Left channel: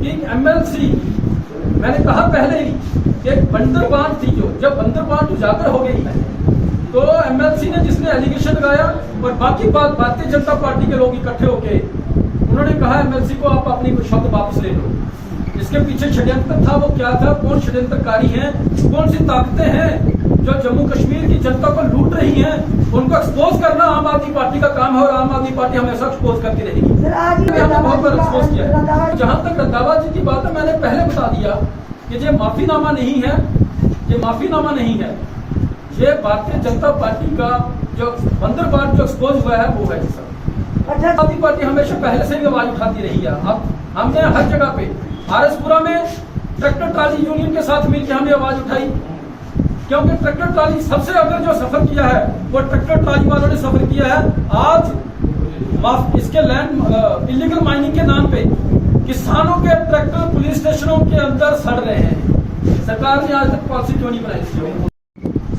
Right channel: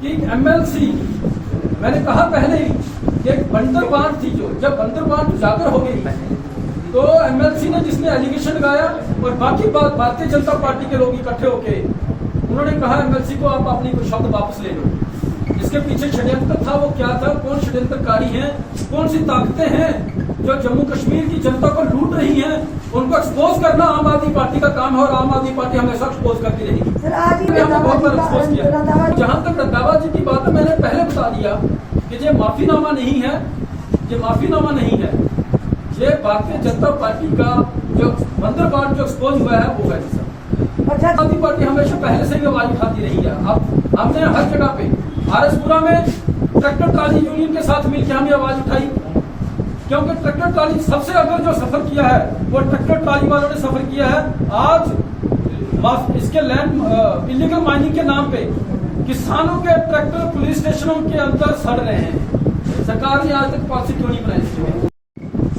कि एमएलसी, मैंने कहा पहले ही कि एक बंदरबांट थी, जो जब बंदरबांट उजागर हो गई तो एमएलसी ने जिसने एलिगेशन लगाया और बाकी बात भारतीय जनता पार्टी के लोग इकट्ठे होके उन्होंने कहा एमएलसी को आप अपनी कोई शब्द वापस ले लो। इसके पीछे षड्यंत्र था, वो क्या था, कौन षड्यंत्रकारी हैं, कौन सी ताकतें हैं जो जम्मू कश्मीर की जनता को लूट रही हैं, उनको एक्सपोज करना आम आदमी पार्टी का काम है और आम आदमी पार्टी हमेशा एक्सपोज करती रहेगी। हमने बहुत बार एक्सपोज किया। जहां तक रंधावा जी की बात है, मैंने पहले बता दिया कि ये माफीनामा नहीं है, ये माफीनामा नहीं है, ये भारतीय जनता पार्टी का जो बंदरबांट जो एक्सपोज हुआ है वो है। आम आदमी पार्टी हमेशा पहले से भी आवाज उठाती रही है। अब हमने हर जगह पे आरएसपुरा में ट्रैक्टर ट्राली यूनियन के साथ मिलकर हमने आवाज उठाई, क्योंकि ट्रैक्टर ट्राली सबसे अगर जो सफर किया है वो ट्रैक्टर ट्राली वालों ने सफर किया है। आज इसके लैंड इलीगल माइनिंग के नाम पे किसानों के ट्रैक्टर पुलिस स्टेशनों के अंदर सड़ रहे हैं। सरकार ने आज तक पॉलिसी क्यों नहीं बनाई इसकी?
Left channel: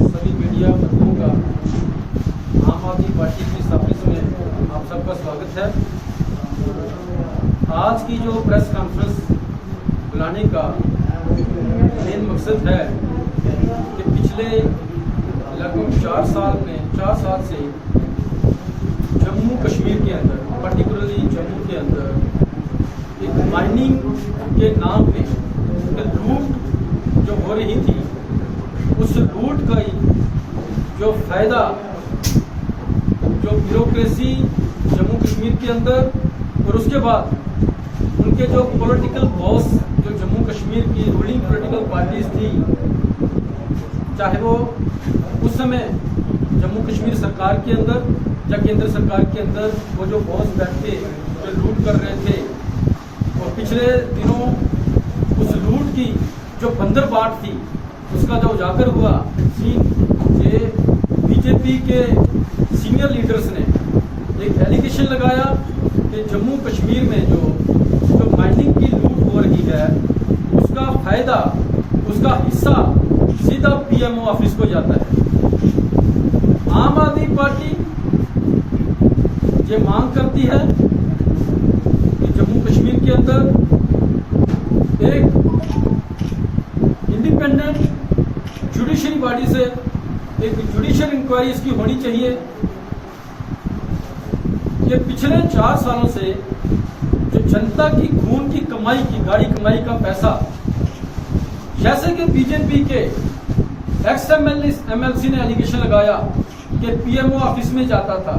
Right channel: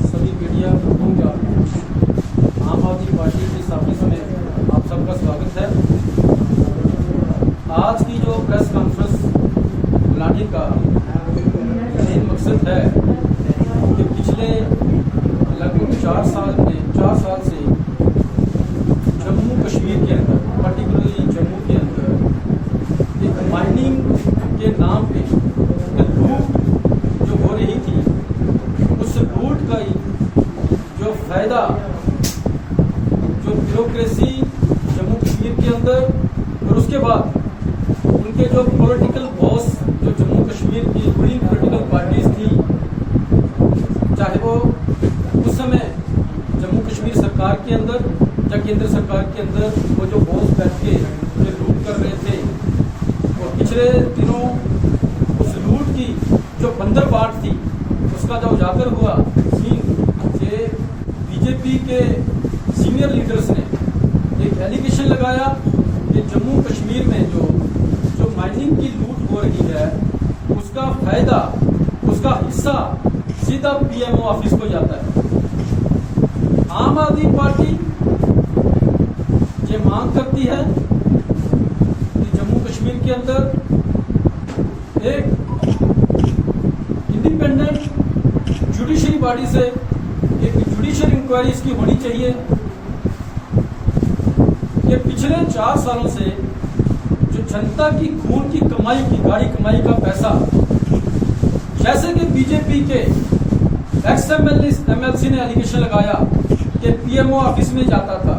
सभी मीडिया बंधुओं का आम आदमी पार्टी की इस ऑफिस में आप सबका स्वागत है। आज की जो प्रेस कॉन्फ्रेंस बुलाने का मेन मकसद है कि पिछले लगभग 4 साल से जम्मू कश्मीर के अंदर, पर्टिकुलरली जम्मू के अंदर एक माइनिंग के नाम पे लूट जो हो रही थी, उस लूट का जो फायदा जो ब्यूरोक्रेसी जम्मू कश्मीर के अंदर और उसके बाद उनके जो पॉलिटिकल बॉस जो जम्मू कश्मीर की रूलिंग पॉलिटिकल पार्टीज थी, चाहे वो उस समय जम्मू कश्मीर सरकार के अंदर या केंद्र सरकार के अंदर वो जो बॉस बैठ के जो लूट कर रहे थे, और पिछले दिनों उस लूट की जो बंदरबांट थी उसका जो उजागर हुआ सीन, ये बीजेपी के सीनियर लीडर्स ने एक एलिगेशन लगाया कि जम्मू कश्मीर में जो माइनिंग की लूट हो रही है उसका फायदा, उसका हिस्सा सीधा पीएमओ ऑफिस को जाता है। आम आदमी पार्टी ये मांग करती है कि जम्मू कश्मीर के अंदर एक इंडिपेंडेंट जुडिशरी बॉडी से एक जुडिशियल इंक्वायरी इसकी होनी चाहिए। ये पिछले 4 सालों से जो जनता की खून की कमाई की गाड़ी कमाई का पैसा, जैसे कि बीजेपी के एक्स एमएलसी ने एलिगेशन लगाया कि पीएमओ ऑफिस में जाता था,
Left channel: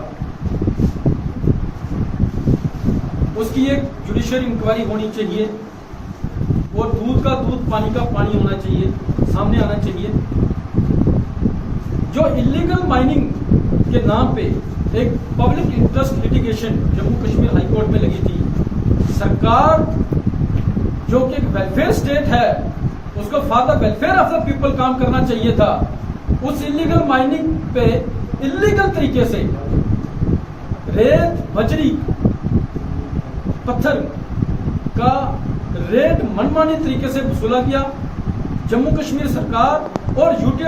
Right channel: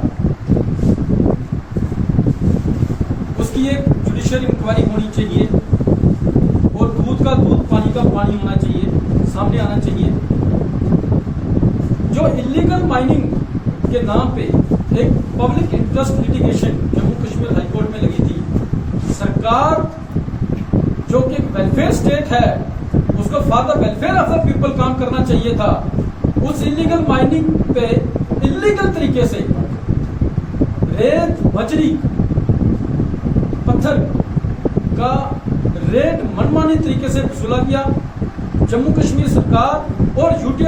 उसकी एक जुडिशियल इंक्वायरी होनी चाहिए और दूध का दूध पानी का पानी होना चाहिए, सामने आना चाहिए। जो इलीगल माइनिंग के नाम पे एक public interest litigation Jammu Kashmir high court में लगी थी, सरकार जो कि एक वेलफेयर स्टेट है उसको for the welfare of the people काम करना चाहिए था। उस इलीगल माइनिंग पे इलीगल तरीके से रेत, बजरी, पत्थर का रेट मनमानी तरीके से वसूला गया। जम्मू कश्मीर सरकार और यूटी